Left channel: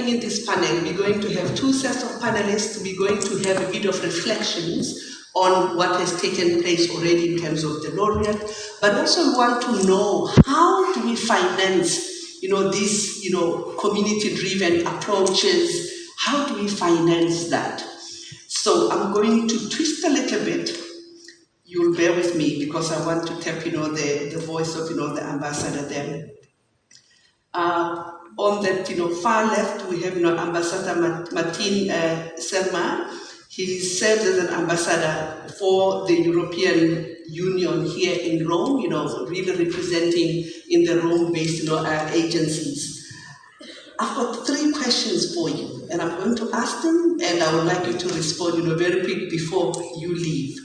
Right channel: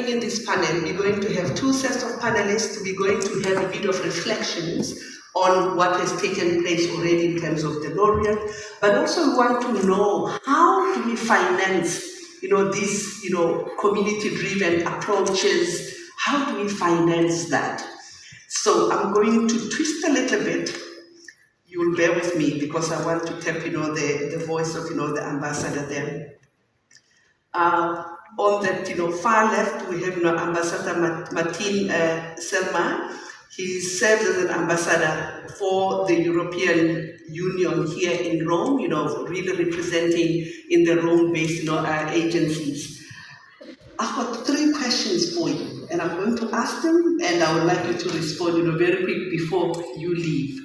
happening in this panel, we're going to have two sets of panelists. We're going to have a bit of reflections on what has taken place already in terms of the laureate, but also we want to know how do we finance, these, community-driven approaches. How do we finance that? So I'm going to twist a little bit. You'll bear with me because I want to tap, the voice of, the ambassador there. On that, far left, we have, Ambassador Martin Selma. He serves as an ambassador for the European Union here in Rome, really representing in the Rome-based, agencies. I've got 3 questions for you, and I'm going to ask them, and I would like you to respond, very quick before you leave.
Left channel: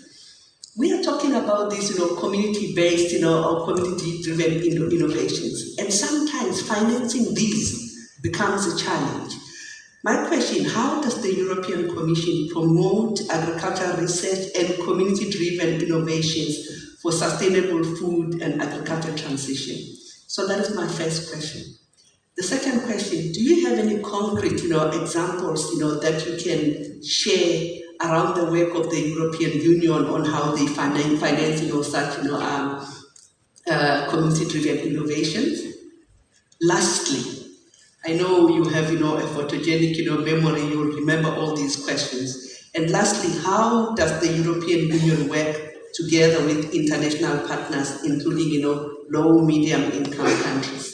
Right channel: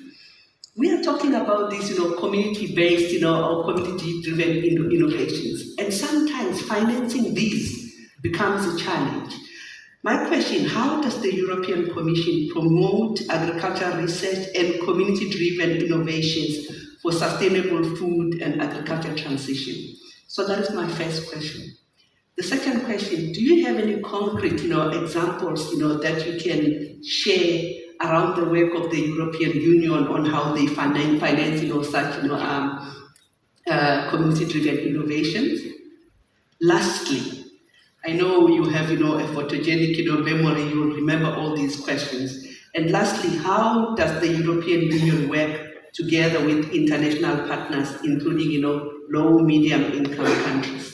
We are talking about these, community-based, or community-driven innovations, and sometimes financing these becomes a challenge. My question, how does the European Commission promote agricultural research and community-driven innovations for sustainable food and agricultural transition? So that is my first question. The second question, do you have any concrete, examples, that you can share around the work of the European Union on how they finance, such, community-driven innovations? Lastly, I know you have, a photogenic, memory, you'll remember all these questions. And lastly, how does the European Union work together with international partners, including, low, medium income countries?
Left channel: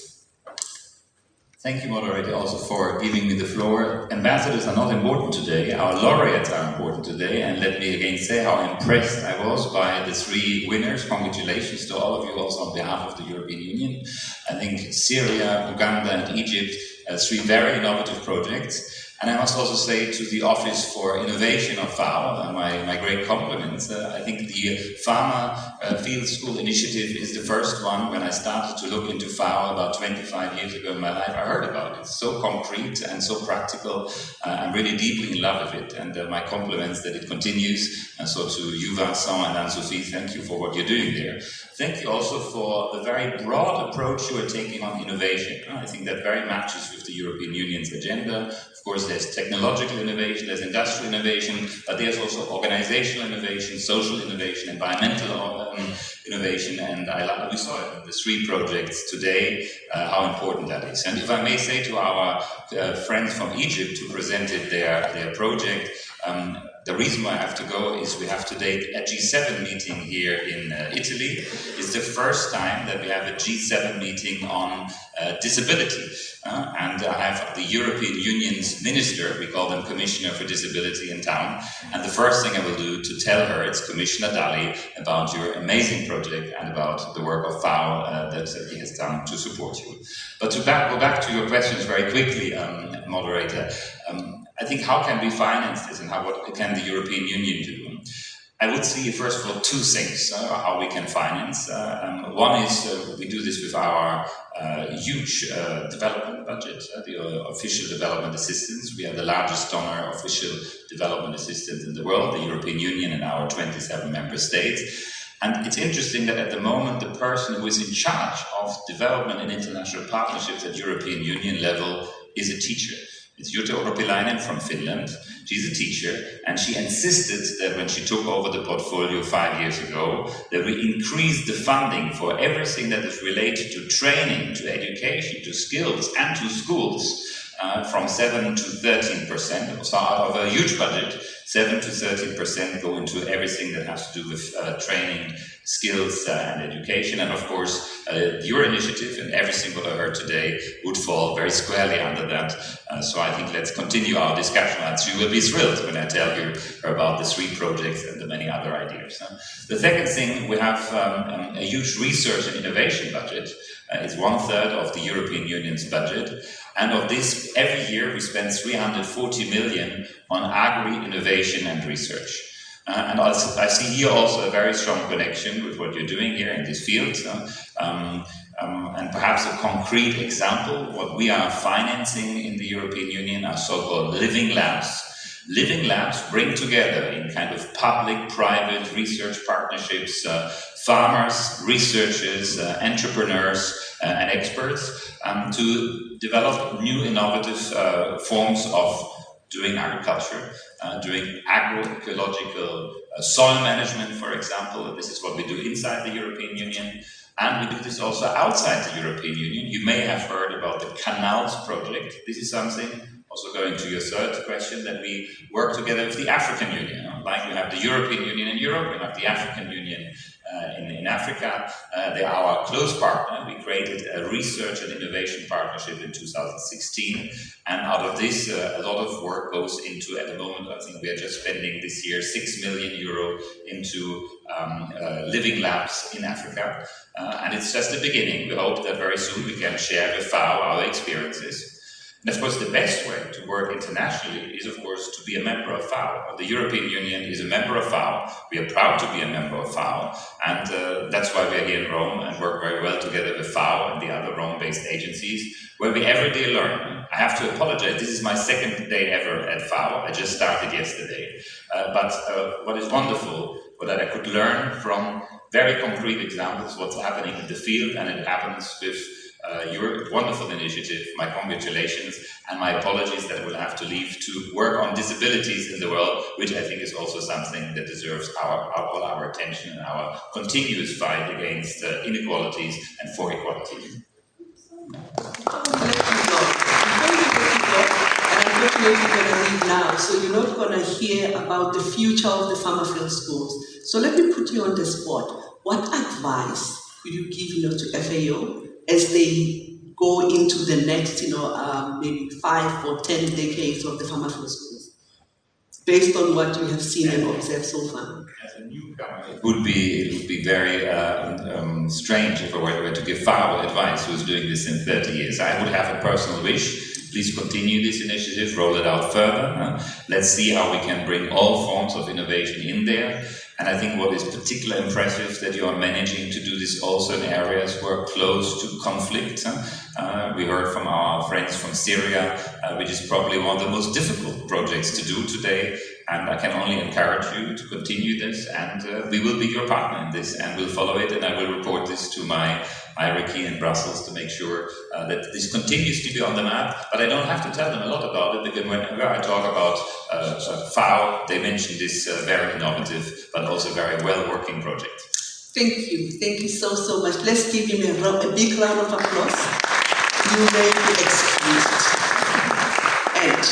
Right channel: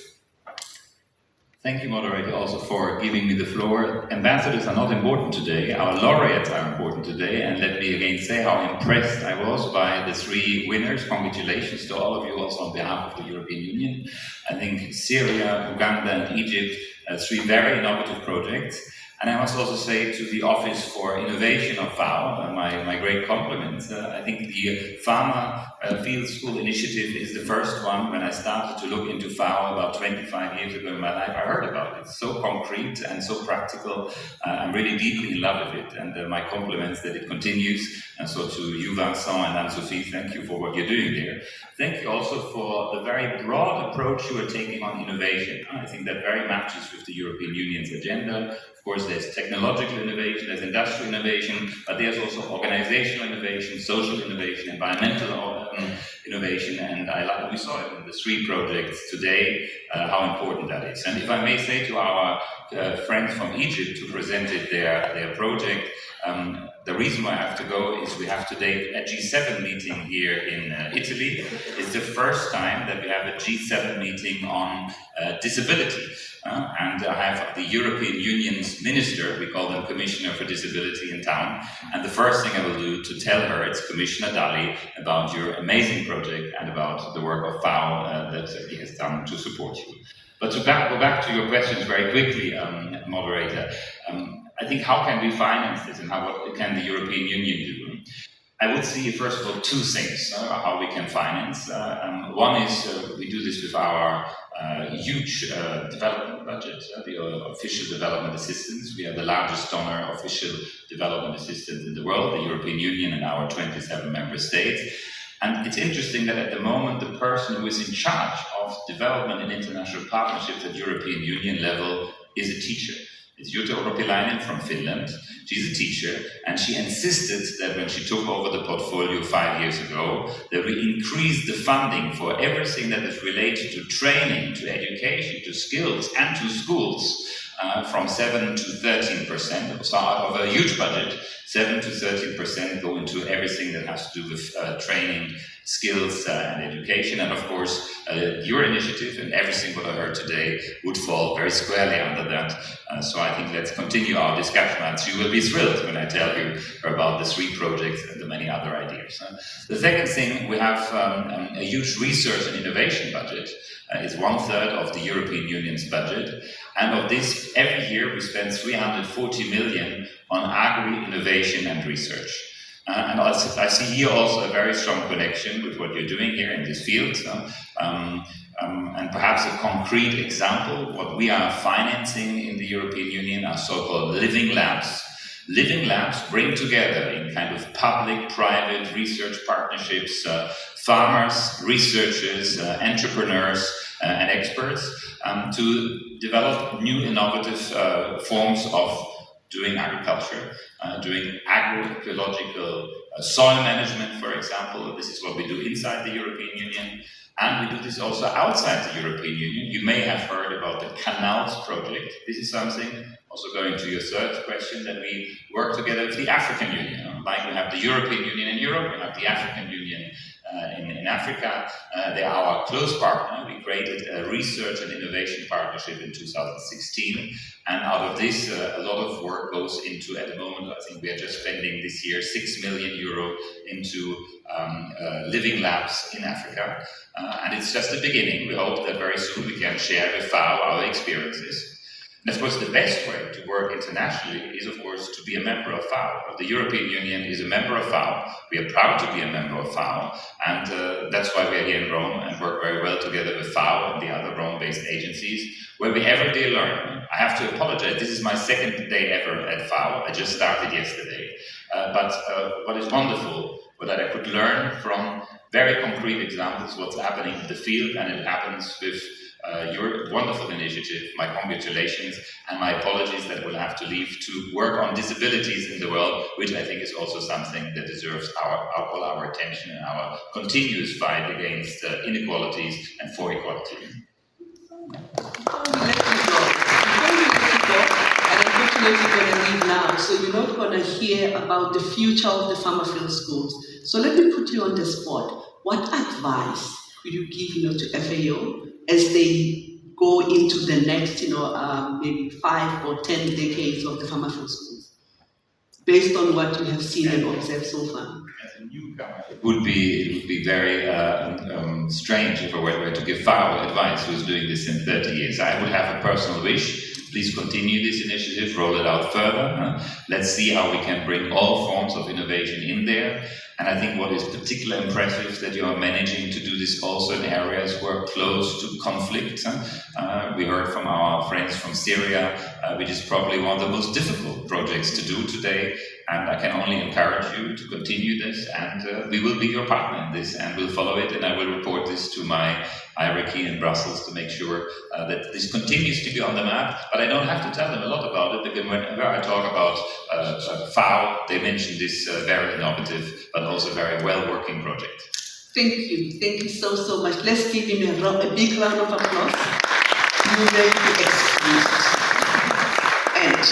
Thank you, moderator, also for giving me the floor. Ambassadors are not important today, our laureates are important today, and let me again say how impressed I was by the 3 winners. Congratulations to all of you also on behalf of the European Union. I think Syria, Uganda and Egypt, 3 very innovative projects. And I must also say to the Office for Innovation of FAO, my great compliments. I think the Farmer Field School Initiative is the first one. When I started to look into FAO about 25 years ago in my life, I heard about it. It's so concrete and so practical. I'm really deeply in love with it, and my compliments that it continues. And so to you, Vincent and Anne-Sophie, thank you for what you're doing there. Thank you also for the very broad approach you are taking on innovation. I think that very matches with the European Union's agenda. Of course, there's technological innovation, there's industrial innovation, but there's also organizational innovation, social innovation, environmental innovation, and we saw it in the 3 projects today, how important that is. And if I may say to our friends from Egypt who presented their project, the reason why I have to go is we have today a G7 meeting here in Italy. It's the first time that we have a G7 meeting on disability. And I have the European Union's minister, we call them Commissioner for Disability, in town. And the first thing I will do to tell her, it's Commissioner Dalli, about your amazing project and about the work of FAO that he has done to support you. But to go back to your questions very quickly, moderator, I think how can we finance this and what can the European Union do? I would see, first of all, 2 things how we can finance. One is we do this with our huge development budget, the official development assistance. We are the largest donor of official development assistance in the world, the European Union and our 27 member states. And it's interesting that at the moment, the person who is in charge of development and international partnerships at European Union level is a teacher. It's Jutta Urpilainen from Finland. She's a teacher, and she insisted that when she took over the portfolio 5 years ago, that we increase the funding for everything that is related to training, to education, to skills, and to schools from 7 to 13%. So out of a huge budget, 7 to 13% go into everything that has to do with training, skills and education. And of course, your initiative and everything what I heard today would fall very squarely under that. So I think let's continue our discussion, and you will be thrilled when I tell you about the 3 projects and the many other ideas. The second thing, we have a huge research and innovation budget. It's 1/3 of the European Union's budget. And of this, every year we spend 340 million on agri-innovation and research. And I see here also a very strong connection with what you're doing here in this field. And perhaps a concrete example, what we are financing in the European Union are so-called living labs. Living labs bring together in kind of public-private research partnerships farmers, researchers, entrepreneurs, and experts to develop new innovative forms of doing agriculture, doing agroecological soil management, for example. This is what we do inside the European Union. And we do this also outside the European Union. You may have heard about the Canals project. This is something, also going to your third question, that we work together with the African Union. Like we have the European Union in Europe, we have the African Union in Africa. They are our close partner. We created a research and innovation partnership in 2016. And out of this, a lot of work goes into, at the moment, I think we are just spending this year 6 million euro into living labs in Africa. And it's just the beginning. We hope that very soon we can share with FAO our experiences. And of course, the best way to work internationally is, of course, to be a member of FAO. The European Union is a member of FAO. We are proud to be a member of FAO. And that's why we are here in Rome and work very well together with FAO and the other Rome-based agencies, where we every day learn. I have to apologize. This is my second day ever at FAO. I just started yesterday. But what is wonderful was that I could learn from very concrete examples what's happening in the field, and it happens with your wonderful initiative. My congratulations and my apologies that we'll have to leave to work on disabilities in the world, which I think is also something that deserves all our attention and our continuous fight against inequalities and for equality. Unfortunately, you're going to leave now, so you're not going to hear about the future of the Farmerfield schools. So let me put you on the spot. What advice would you give, to FAO as they go into the next, maybe 5 or 10 decades of the Farmerfield schools, based on what you have seen and observed so far? As a newcomer, it would be very strange if I were to give FAO advice who's doing this in 30 years. I would have a personal wish. Please continue this initiative, roll it out further. Let's see how we can bring all forms of innovation in there. And I think what is particularly impressive that you are managing to do this also in areas who are close to conflict. We heard from our friends from Syria, which is probably one of the most difficult projects to do today. And I can only encourage you to continue this, and we will be your partner in this, and we'll follow it, and I will report this to my hierarchy in Brussels to make sure that this continues to be on the map. But I don't have to tell them a lot about it, because whenever I talk about FAO, they mention this very innovative but also very well-working project. Thank you so much. Let's give him a big round of applause. You may be excused. And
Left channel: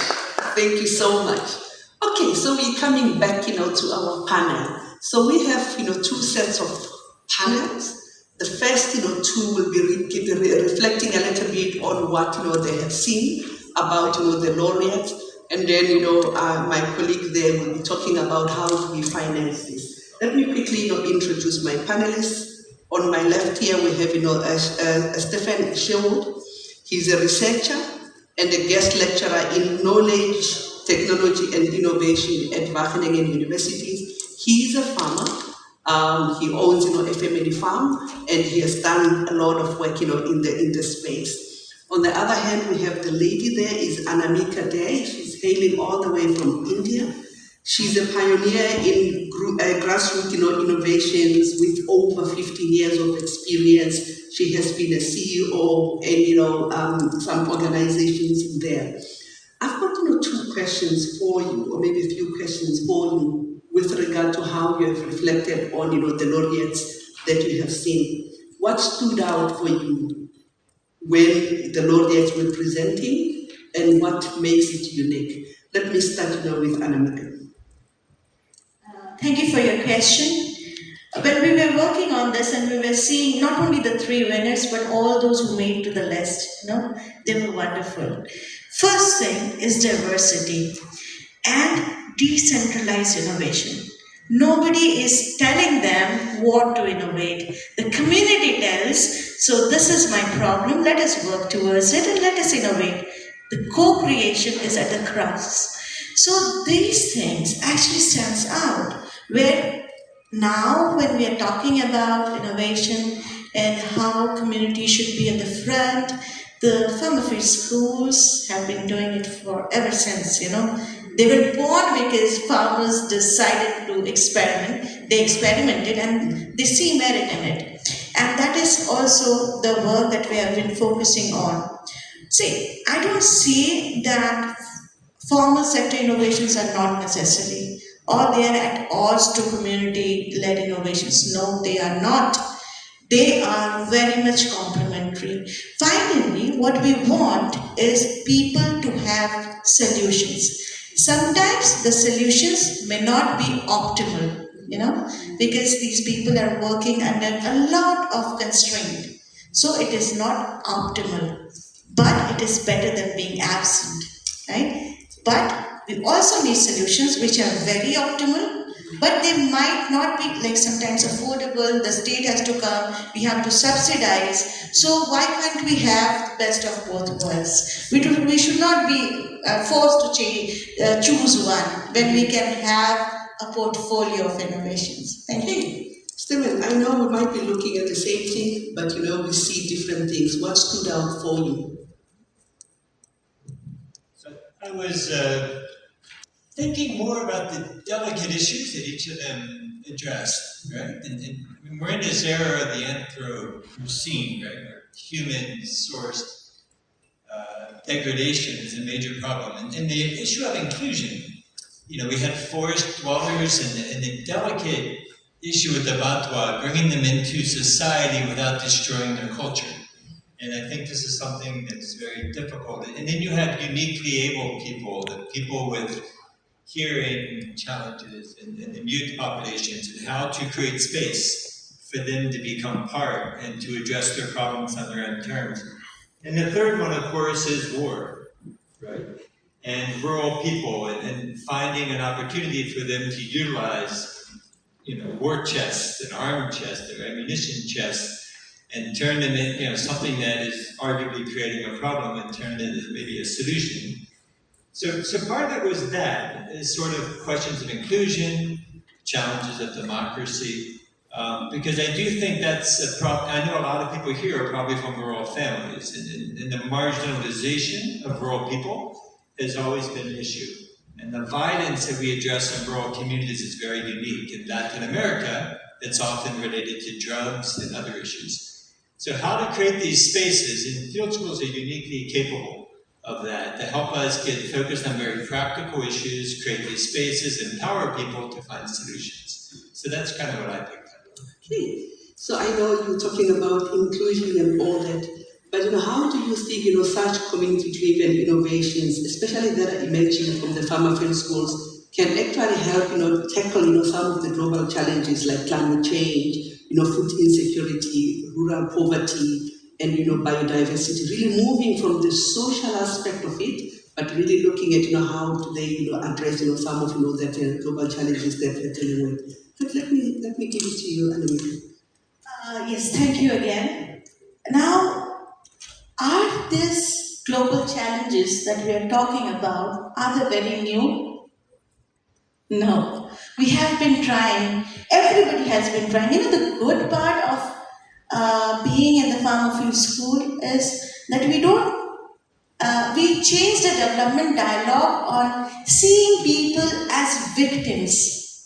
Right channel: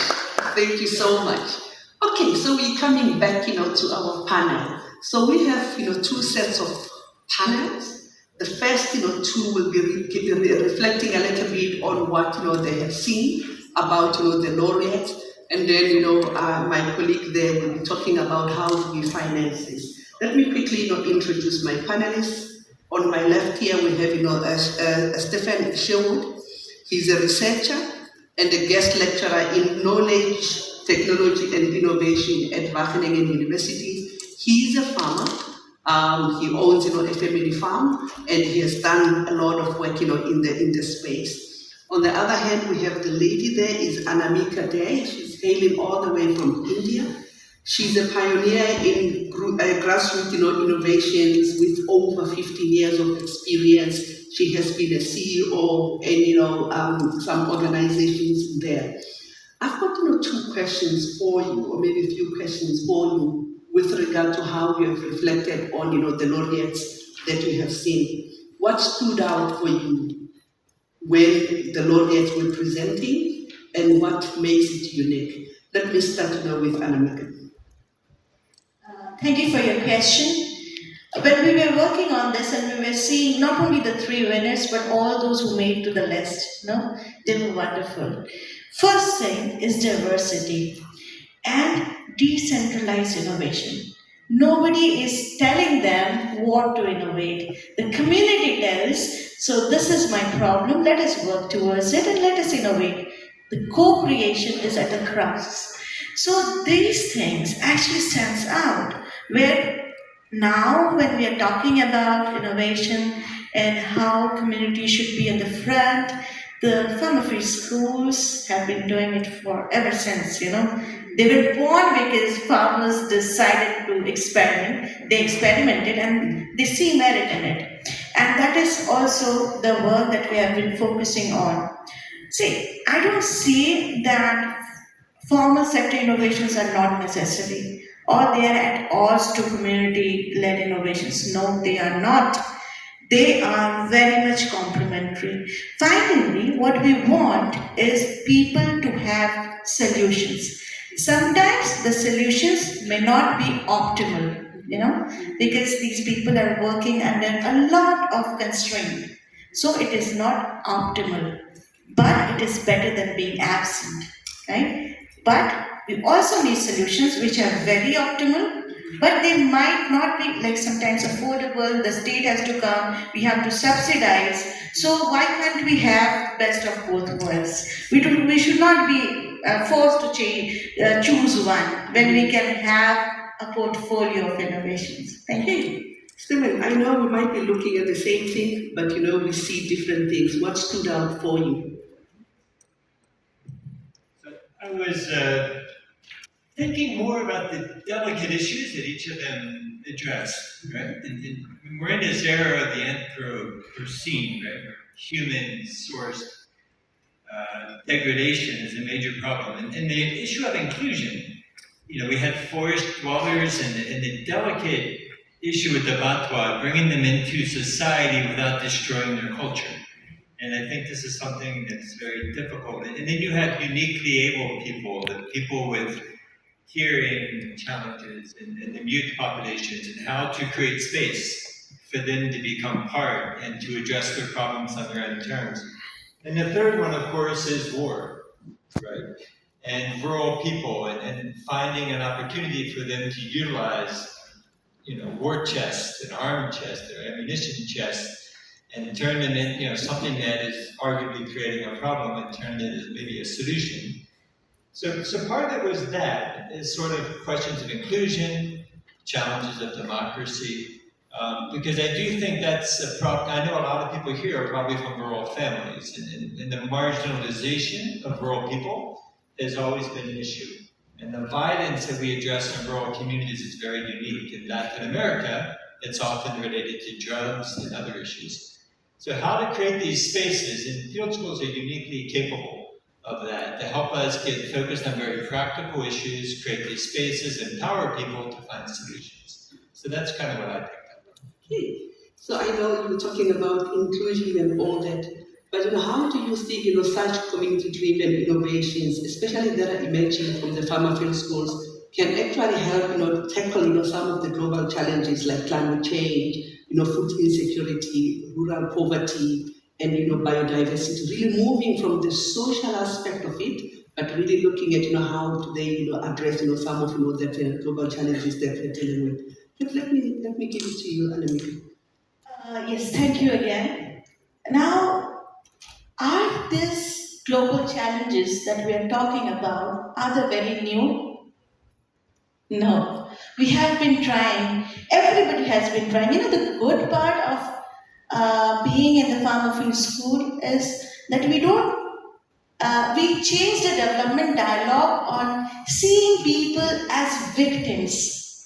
thank you so much. Okay, so we're coming back, to our panel. So we have, 2 sets of panels. The first, 2 will be reflecting a little bit on what, they have seen about, the laureates. And then, my colleague there will be talking about how do we finance this. Let me quickly, introduce my panelists. On my left here, we have, Stephen Sherwood. He's a researcher and a guest lecturer in knowledge, technology and innovation at Wageningen University. He is a farmer. He owns, a family farm, and he has done a lot of work, in the space. On the other hand, we have the lady there is Anamika Dey. She's hailing all the way from India. She's a pioneer in grassroots, innovations with over 15 years of experience. She has been a CEO and, some organizations there. I've got, 2 questions for you, or maybe a few questions for you with regard to how you have reflected on, the laureates that you have seen. What stood out for you when the laureates were presenting, and what makes it unique? Let me start with Anamika. Thank you for your question. When we were working on this and we were seeing not only the 3 winners, but all those who made to the list, they were wonderful. First thing is diversity and decentralized innovation. Nobody is telling them what to innovate. The community tells, so this is my problem, let us work towards it and let us innovate. The co-creation is at the crux. So these things actually stands out, where now when we are talking about innovation and how community should be at the front, the Farmerfield schools have been doing it for ever since, They were born because farmers decided to experiment. They experimented and they see merit in it. And that is also the work that we have been focusing on. See, I don't see that formal sector innovations are not necessary or they are at odds to community led innovations. No, they are not. They are very much complementary. Finally, what we want is people to have solutions. Sometimes the solutions may not be optimal, because these people are working under a lot of constraint. So it is not optimal, but it is better than being absent, right? But we also need solutions which are very optimal, but they might not be like sometimes affordable. The state has to come, we have to subsidize. So why can't we have the best of both worlds? We should not be forced to choose one when we can have a portfolio of innovations. Thank you. Stephen, I know we might be looking at the same thing, but we see different things. What stood out for you? So I was thinking more about the delicate issues that each of them addressed, right? And we're in this era of the Anthropocene, right? Where human-sourced degradation is a major problem. And the issue of inclusion, we had forest dwellers and the delicate issue with the Batwa, bringing them into society without destroying their culture. And I think this is something that's very difficult. And then you have uniquely able people, the people with hearing challenges and the mute populations, and how to create space for them to become part and to address their problems on their own terms. And the third one, of course, is war, right? And rural people, and finding an opportunity for them to utilize, war chests and arm chests or ammunition chests, and turn them in, something that is arguably creating a problem, and turn it into maybe a solution. So part of it was that, is sort of questions of inclusion, challenges of democracy, because I do think that's a problem. I know a lot of people here are probably from rural families, and the marginalization of rural people has always been an issue. And the violence that we address in rural communities is very unique. In Latin America, it's often related to drugs and other issues. So how to create these spaces, and field schools are uniquely capable of that, to help us get focused on very practical issues, create these spaces, empower people to find solutions. So that's kind of what I picked up on. Okay. So I know you're talking about inclusion and all that, but how do you think such community-driven innovations, especially that are emerging from the farmer field schools, can actually help tackle some of the global challenges like climate change, food insecurity, rural poverty, and biodiversity, really moving from the social aspect of it, but really looking at how do they address some of that global challenges that we're dealing with. But let me give it to you, Anamika. Yes, thank you again. Now, are these global challenges that we are talking about, are they very new? No. We have been trying, everybody has been trying. The good part of being in the farmer field school is that we change the development dialogue on seeing people as victims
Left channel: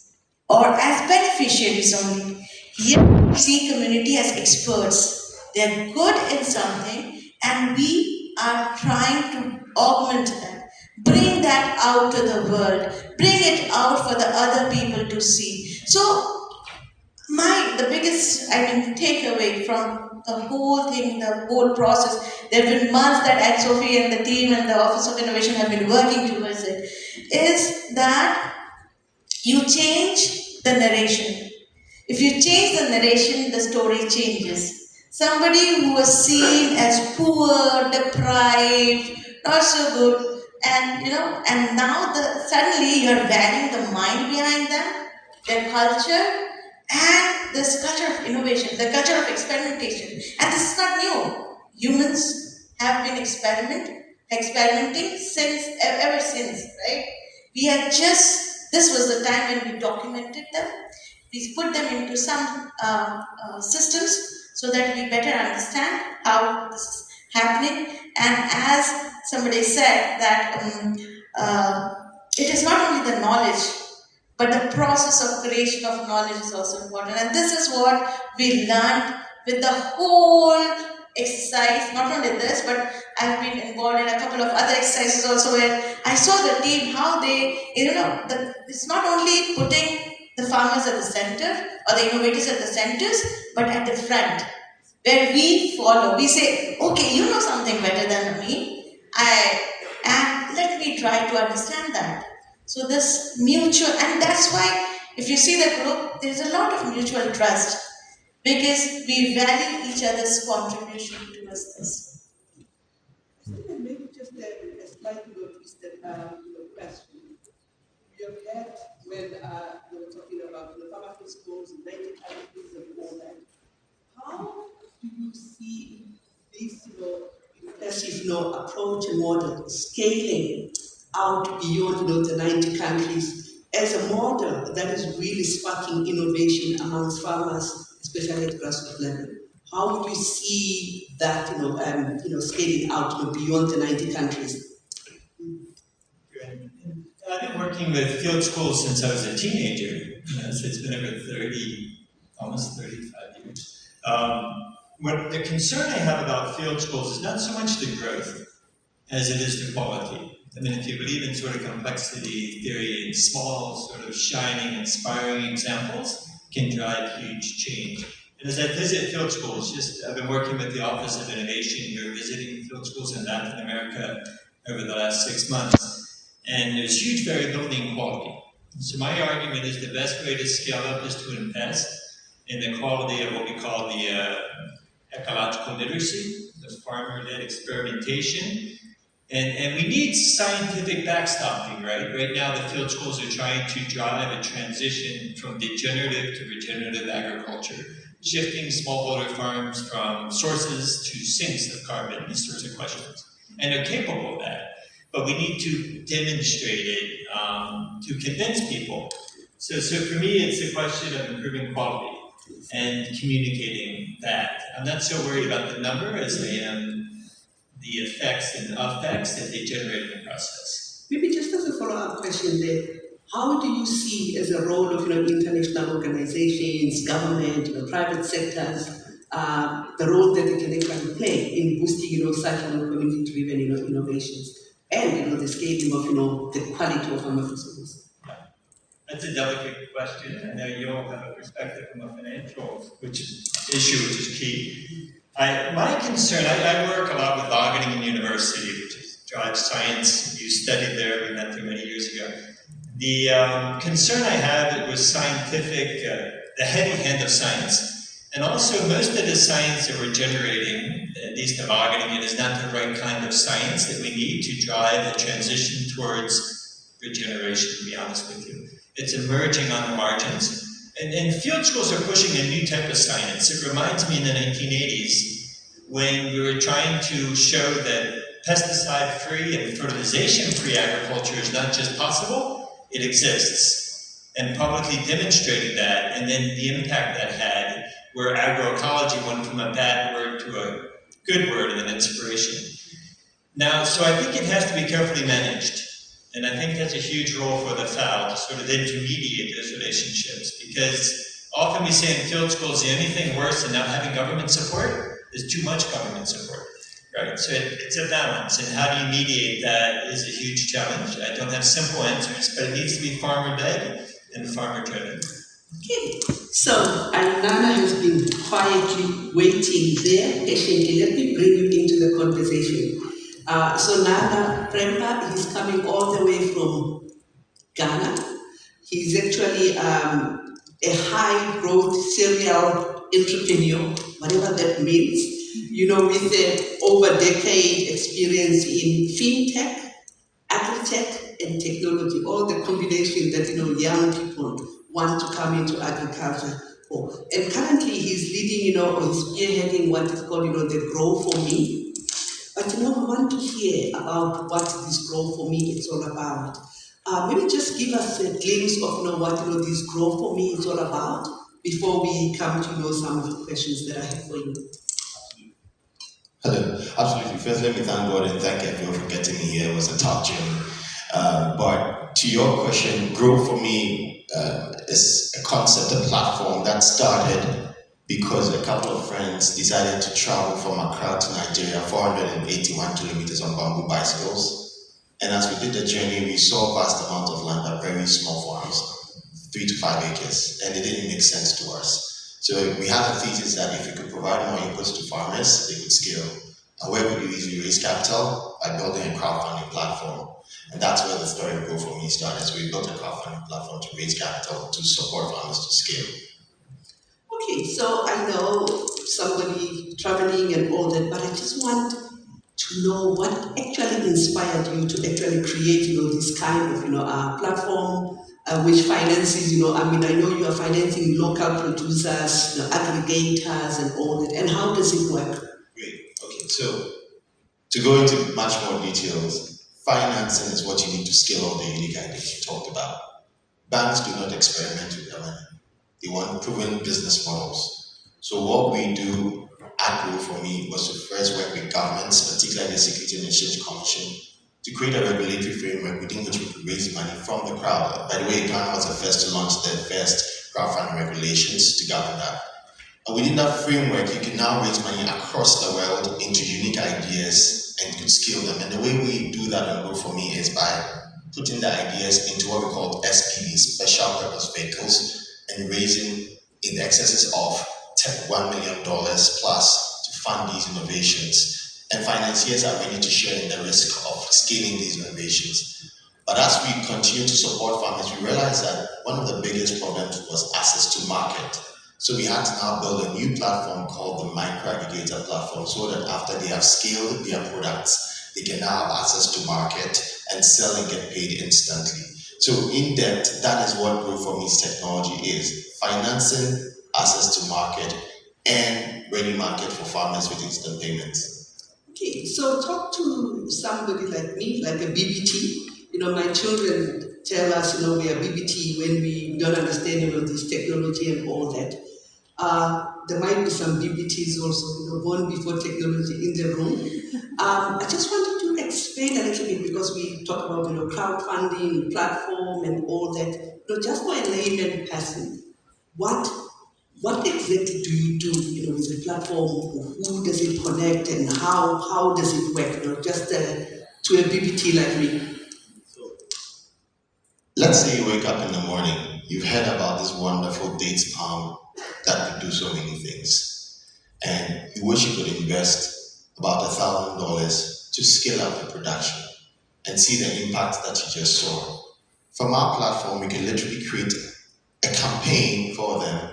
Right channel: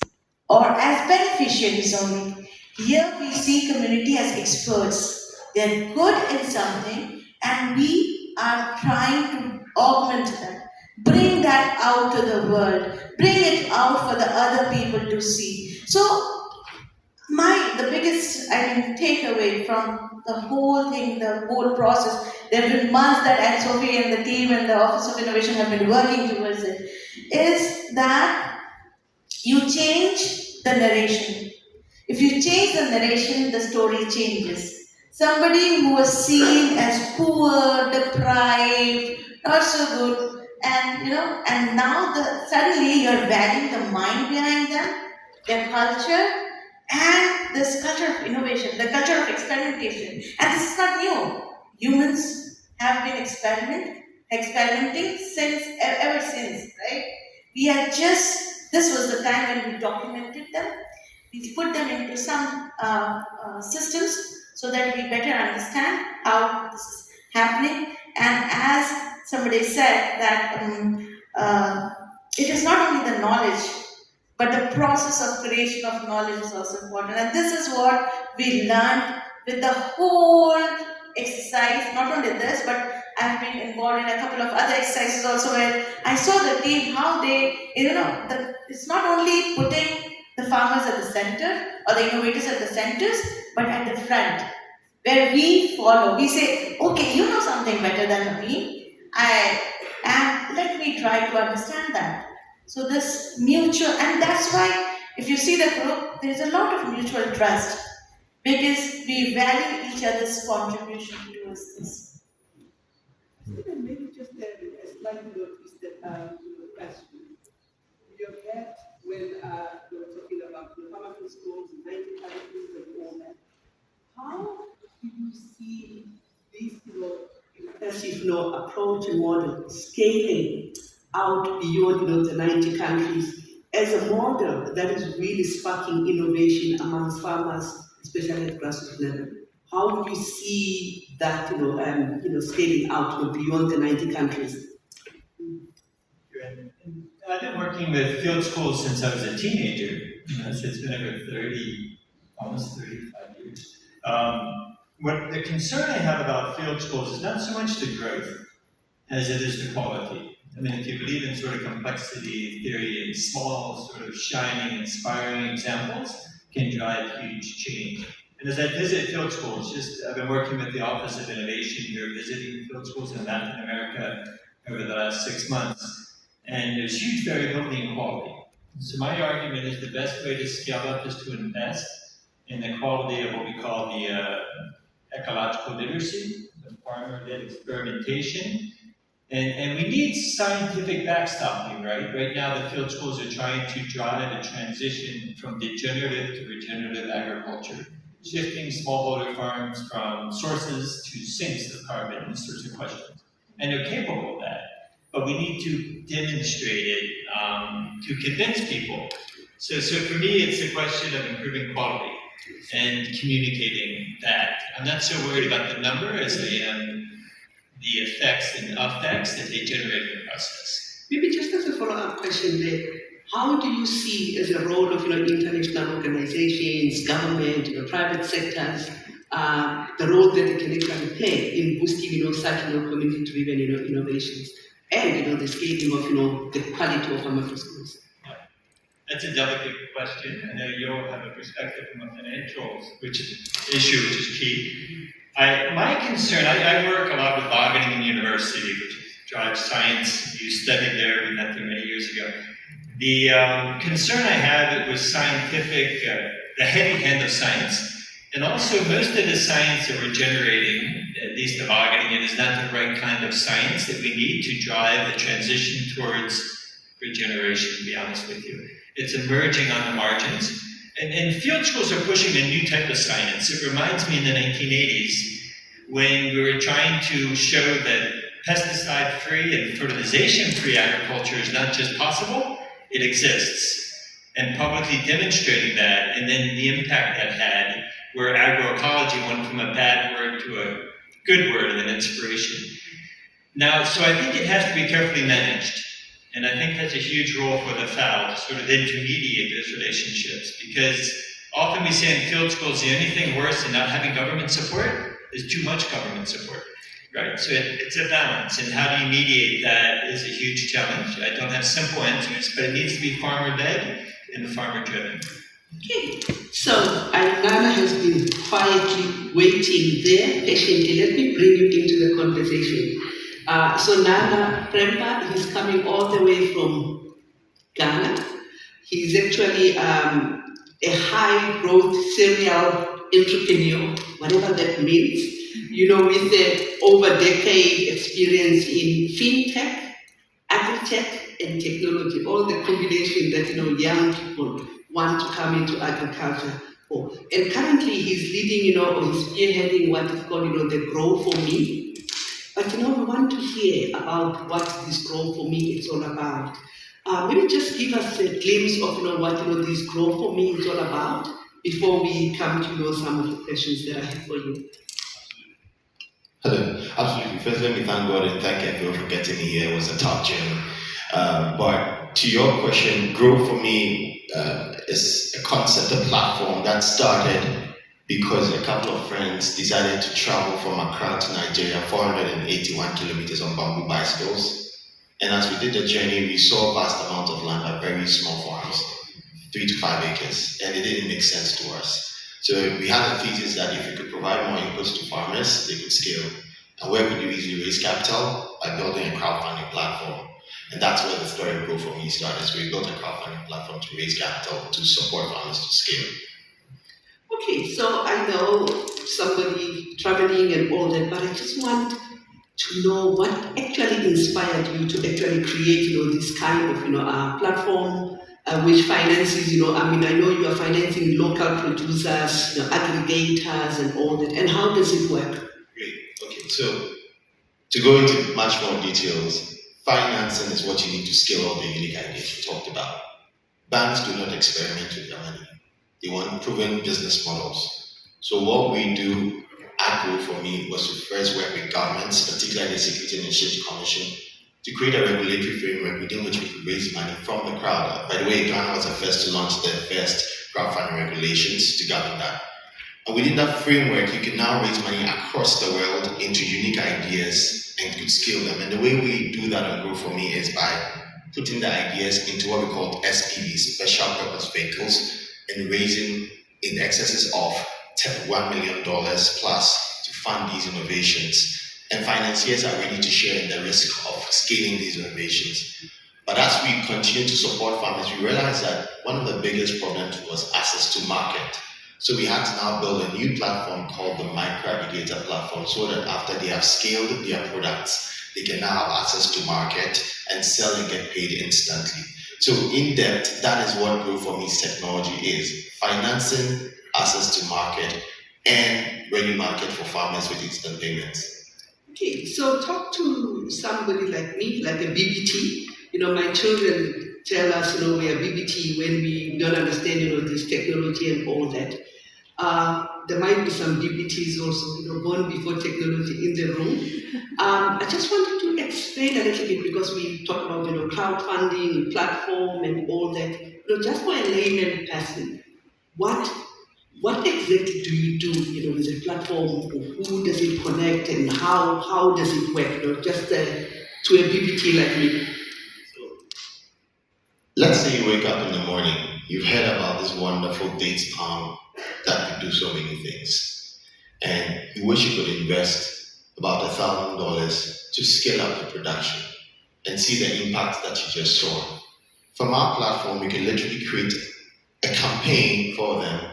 or as beneficiaries only. Here we see community as experts. They're good in something and we are trying to augment that, bring that out to the world, bring it out for the other people to see. So the biggest takeaway from the whole thing, the whole process, there have been months that Anne Sophie and the team and the Office of Innovation have been working towards it, is that you change the narration. If you change the narration, the story changes. Somebody who was seen as poor, deprived, not so good, and now suddenly you're valuing the mind behind them, their culture, and this culture of innovation, the culture of experimentation. And this is not new. Humans have been experimenting ever since, right? This was the time when we documented them. We put them into some systems so that we better understand how this is happening. And as somebody said, that it is not only the knowledge, but the process of creation of knowledge is also important. And this is what we learned with the whole exercise, not only this, but I've been involved in a couple of other exercises also where I saw the team, how they, it's not only putting the farmers at the center or the innovators at the centers, but at the front, where we follow. We say, okay, you know something better than me, and let me try to understand that. So this mutual, and that's why if you see the group, there is a lot of mutual trust because we value each other's contribution towards this. Stephen, maybe just a slightly twisted question. We have heard when we were talking about the pharmacy schools in 90 countries and all that. How do you see this, impressive, approach and model scaling out beyond, the 90 countries as a model that is really sparking innovation amongst farmers, especially at grassroots level? How would you see that, scaling out beyond the 90 countries? I've been working with field schools since I was a teenager, so it's been over almost 35 years. What the concern I have about field schools is not so much the growth as it is the quality. I mean, if you believe in sort of complexity theory, small, sort of shining, inspiring examples can drive huge change. And as I visit field schools, I've been working with the Office of Innovation here, visiting field schools in Latin America over the last 6 months, and there's huge variability in quality. So my argument is the best way to scale up is to invest in the quality of what we call the ecological literacy, the farmer-led experimentation. And we need scientific backstopping, right? Right now, the field schools are trying to drive a transition from degenerative to regenerative agriculture, shifting smallholder farms from sources to sinks of carbon, these sorts of questions. And they're capable of that, but we need to demonstrate it to convince people. So for me, it's a question of improving quality and communicating that. I'm not so worried about the number as I am the effects and effects that they generate in the process. Maybe just as a follow-up question there, how do you see as a role of international organizations, government, private sectors, the role that they can actually play in boosting such community-driven innovations and the scaling of the quality of pharmacy schools? That's a delicate question. I know you'll have a perspective from a financial issue, which is key. My concern, I work a lot with Wageningen University, which drives science. You studied there, we met there many years ago. The concern I had was scientific, the heavy hand of science. And also, most of the science that we're generating, at least at Wageningen, is not the right kind of science that we need to drive the transition towards regeneration, to be honest with you. It's emerging on the margins. And field schools are pushing a new type of science. It reminds me in the 1980s when we were trying to show that pesticide-free and fertilization-free agriculture is not just possible, it exists. And publicly demonstrating that, and then the impact that had, where agroecology went from a bad word to a good word and an inspiration. Now, so I think it has to be carefully managed. And I think that's a huge role for the FAO to sort of intermediate those relationships, because often we say in field schools, the only thing worse than not having government support is too much government support, right? So it's a balance, and how do you mediate that is a huge challenge. I don't have simple answers, but it needs to be farmer-led and farmer-driven. Okay, so Nana has been quietly waiting there patiently. Let me bring you into the conversation. So Nana Prempa, he's coming all the way from Ghana. He's actually a high-growth serial entrepreneur, whatever that means, with an over-decade experience in fintech, agri-tech, and technology, all the combination that, young people want to come into agriculture for. And currently he's leading, or he's spearheading what is called, the Grow For Me. But we want to hear about what this Grow For Me is all about. Maybe just give us a glimpse of what this Grow For Me is all about before we come to some of the questions that I have for you. Hello, absolutely. First, let me thank God and thank everyone for getting me here. It was a tough journey. But to your question, Grow For Me is a concept, a platform that started because a couple of friends decided to travel from Accra to Nigeria, 481 kilometers on bamboo bicycles. And as we did the journey, we saw vast amounts of land by very small farms, 3 to 5 acres, and it didn't make sense to us. So we had a thesis that if we could provide more inputs to farmers, they could scale. And where could you easily raise capital? By building a crowdfunding platform. And that's where the story of Grow For Me started. So we built a crowdfunding platform to raise capital to support farmers to scale. Okay, so I know somebody traveling and all that, but I just want to know what actually inspired you to actually create, this kind of, platform which finances, I know you are financing local producers, aggregators and all that, and how does it work? Great. Okay, so to go into much more details, financing is what you need to scale all the unique ideas you talked about. Banks do not experiment with their money. They want proven business models. So what we do at Grow For Me was to first work with governments, particularly the Securities and Exchange Commission, to create a regulatory framework within which we could raise money from the crowd. By the way, Ghana was the first to launch the first crowdfunding regulations to govern that. And within that framework, you can now raise money across the world into unique ideas and could scale them. And the way we do that on Grow For Me is by putting the ideas into what we call SPVs, special purpose vehicles, and raising in the excesses of $1 million plus to fund these innovations. And financiers are ready to share in the risk of scaling these innovations. But as we continue to support farmers, we realized that one of the biggest problems was access to market. So we had to now build a new platform called the Micro Aggregator Platform, so that after they have scaled their products, they can now have access to market and sell and get paid instantly. So in depth, that is what Grow For Me's technology is: financing, access to market, and ready market for farmers with instant payments. Okay, so talk to somebody like me, like a BBT. My children tell us, we are BBT when we don't understand, this technology and all that. There might be some BBTs also, born before technology in the room. I just wanted to explain a little bit, because we talk about, crowdfunding, platform and all that. Just for a layman person, what exactly do you do, with the platform? Who does it connect and how does it work? Just to a BBT like me. Let's say you wake up in the morning, you've heard about this wonderful dates palm that could do so many things, and you wish you could invest about $1,000 to scale up the production and see the impact that you just saw. From our platform, we can literally create a campaign for them,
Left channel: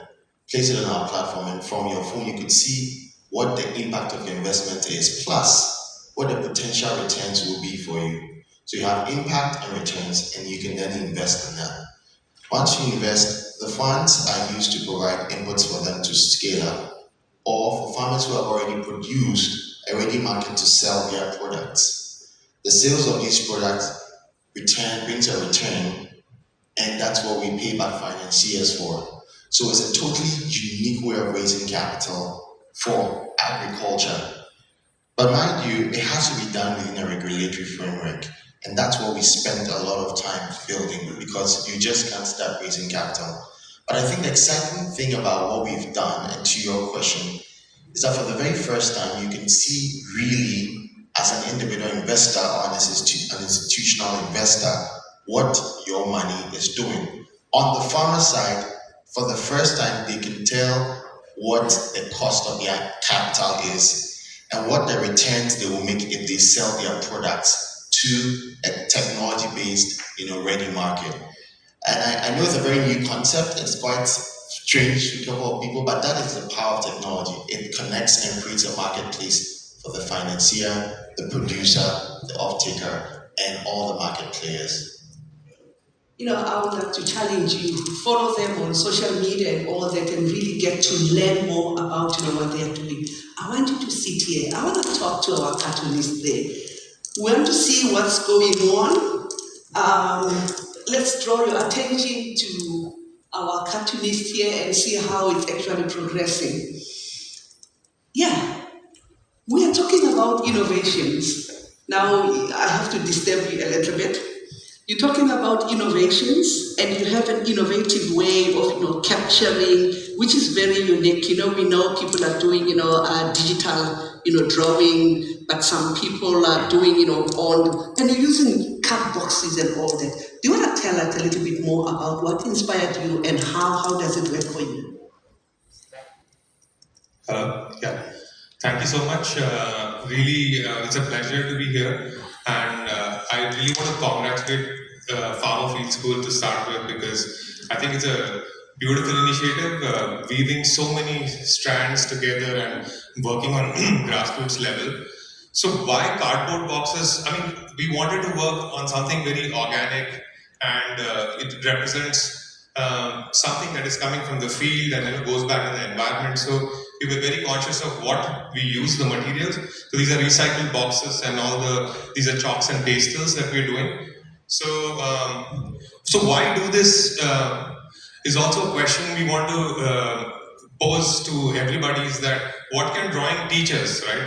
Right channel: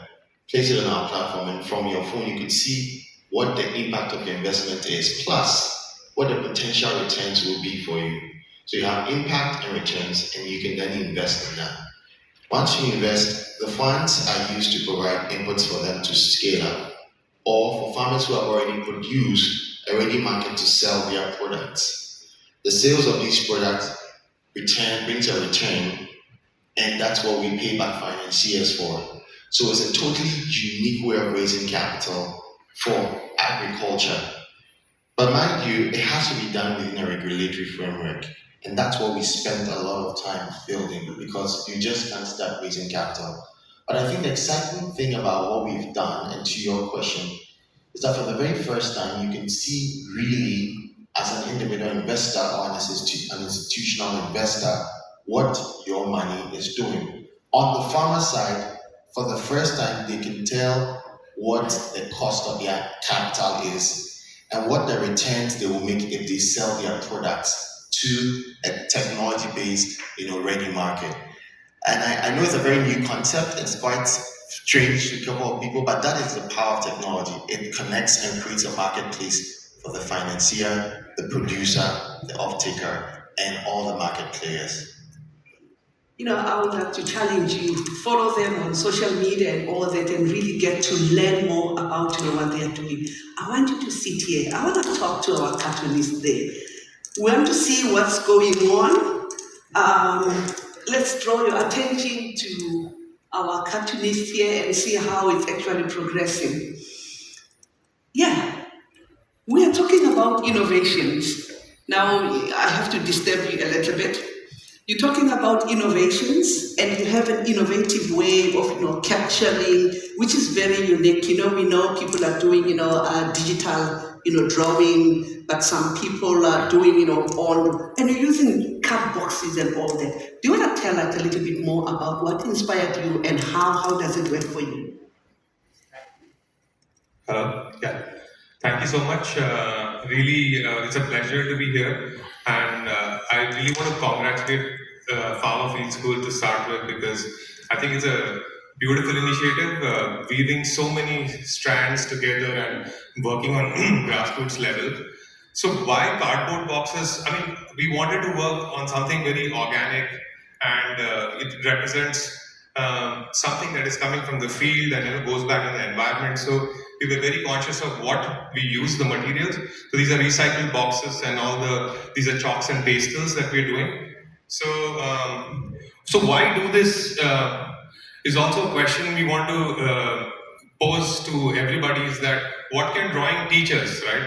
place it on our platform, and from your phone you could see what the impact of your investment is, plus what the potential returns will be for you. So you have impact and returns, and you can then invest in that. Once you invest, the funds are used to provide inputs for them to scale up, or for farmers who have already produced a ready market to sell their products. The sales of these products brings a return, and that's what we pay back financiers for. So it's a totally unique way of raising capital for agriculture. But mind you, it has to be done within a regulatory framework. And that's what we spent a lot of time building, because you just can't start raising capital. But I think the exciting thing about what we've done, and to your question, is that for the very first time, you can see really, as an individual investor or an institutional investor, what your money is doing. On the farmer side, for the first time, they can tell what the cost of their capital is and what the returns they will make if they sell their products to a technology-based, ready market. And I know it's a very new concept. It's quite strange to a couple of people, but that is the power of technology. It connects and creates a marketplace for the financier, the producer, the off-taker, and all the market players. I would like to challenge you, follow them on social media and all that, and really get to learn more about what they're doing. I want you to sit here. I want to talk to our cartoonists there. We want to see what's going on. Let's draw your attention to our cartoonist here and see how it's actually progressing. Yeah, we are talking about innovations. Now, I have to disturb you a little bit. You're talking about innovations, and you have an innovative way of capturing, which is very unique. We know people are doing digital drawing, but some people are doing all, and you're using card boxes and all that. Do you want to tell us a little bit more about what inspired you and how does it work for you? Hello. Yeah. Thank you so much. Really, it's a pleasure to be here, and I really want to congratulate Farmer Field School to start with, because I think it's a beautiful initiative, weaving so many strands together and working on grassroots level. So why cardboard boxes? I mean, we wanted to work on something very organic, and it represents something that is coming from the field and goes back in the environment. So we were very conscious of what we use, the materials. So these are recycled boxes, and these are chalks and pastels that we're doing. So why do this is also a question we want to pose to everybody, is that what can drawing teach us, right?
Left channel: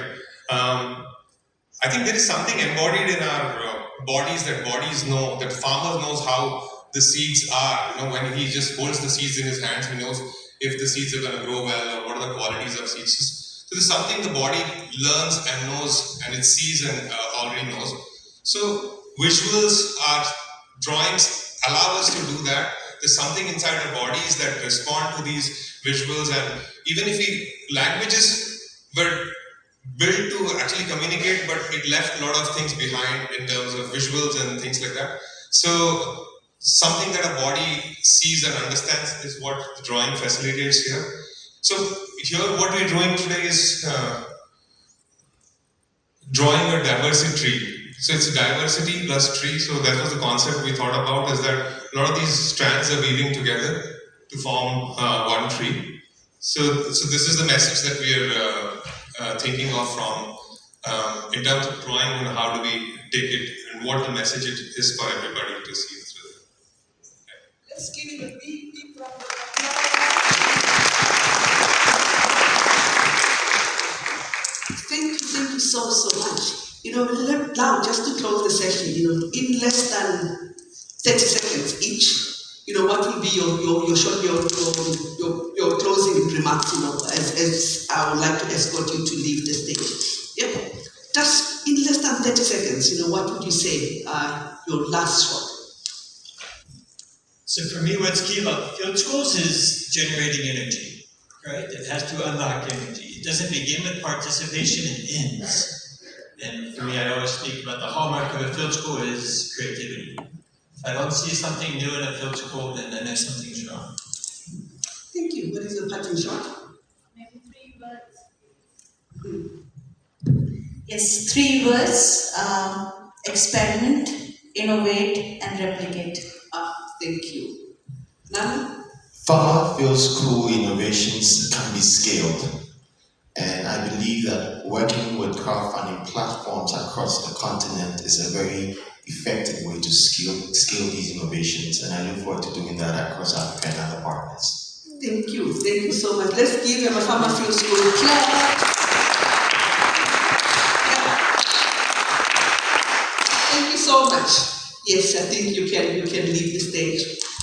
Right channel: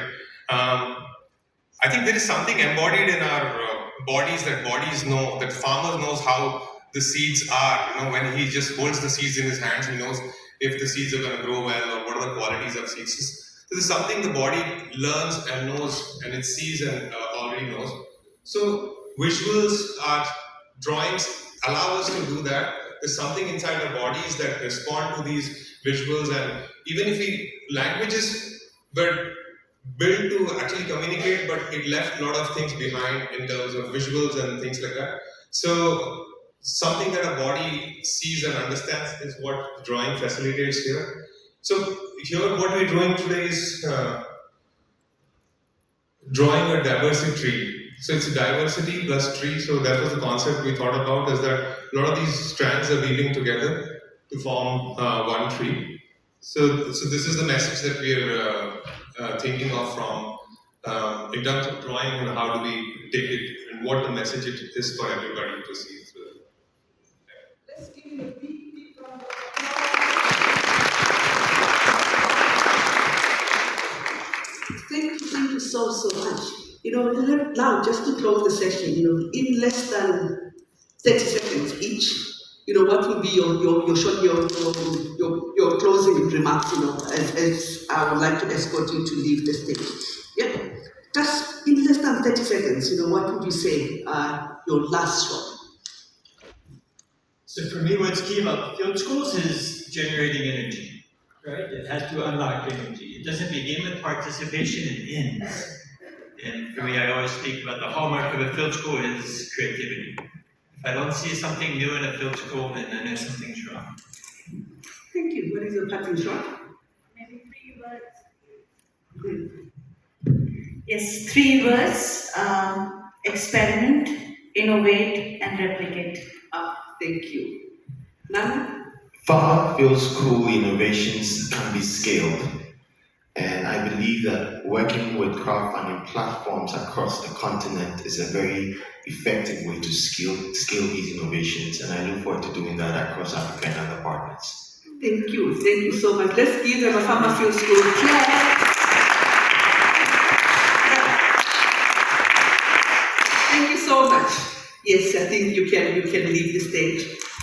I think there is something embodied in our bodies, that bodies know, that farmer knows how the seeds are. When he just holds the seeds in his hands, he knows if the seeds are going to grow well, or what are the qualities of seeds. So this is something the body learns and knows, and it sees and already knows. So visuals, our drawings allow us to do that. There's something inside our bodies that respond to these visuals, and even if languages were built to actually communicate, but it left a lot of things behind in terms of visuals and things like that. So something that a body sees and understands is what the drawing facilitates here. So here what we're doing today is drawing a diversity tree. So it's diversity plus tree. So that was the concept we thought about, is that a lot of these strands are weaving together to form one tree. So this is the message that we are thinking of from in terms of drawing, and how do we take it, and what the message it is for everybody to see through. Let's give him a big round of applause. Thank you so much. Now just to close the session, in less than 30 seconds each, what will be your short, your closing remarks, as I would like to escort you to leave the stage. Yeah, just in less than 30 seconds, what would you say your last shot? So for me, what's key about field schools is generating energy, right? It has to unlock energy. It doesn't begin with participation, it ends. And for me, I always speak about the hallmark of a field school is creativity. If I don't see something new in a field school, then I know something's wrong. Thank you. What is your parting shot? Maybe 3 words. Yes, 3 words. Experiment, innovate, and replicate. Thank you. Nana? Farmer Field School innovations can be scaled, and I believe that working with crowdfunding platforms across the continent is a very effective way to scale these innovations, and I look forward to doing that across Africa and other partners. Thank you so much. Let's give them a Farmer Field School clap. Thank you so much. Yes, I think you can leave the stage.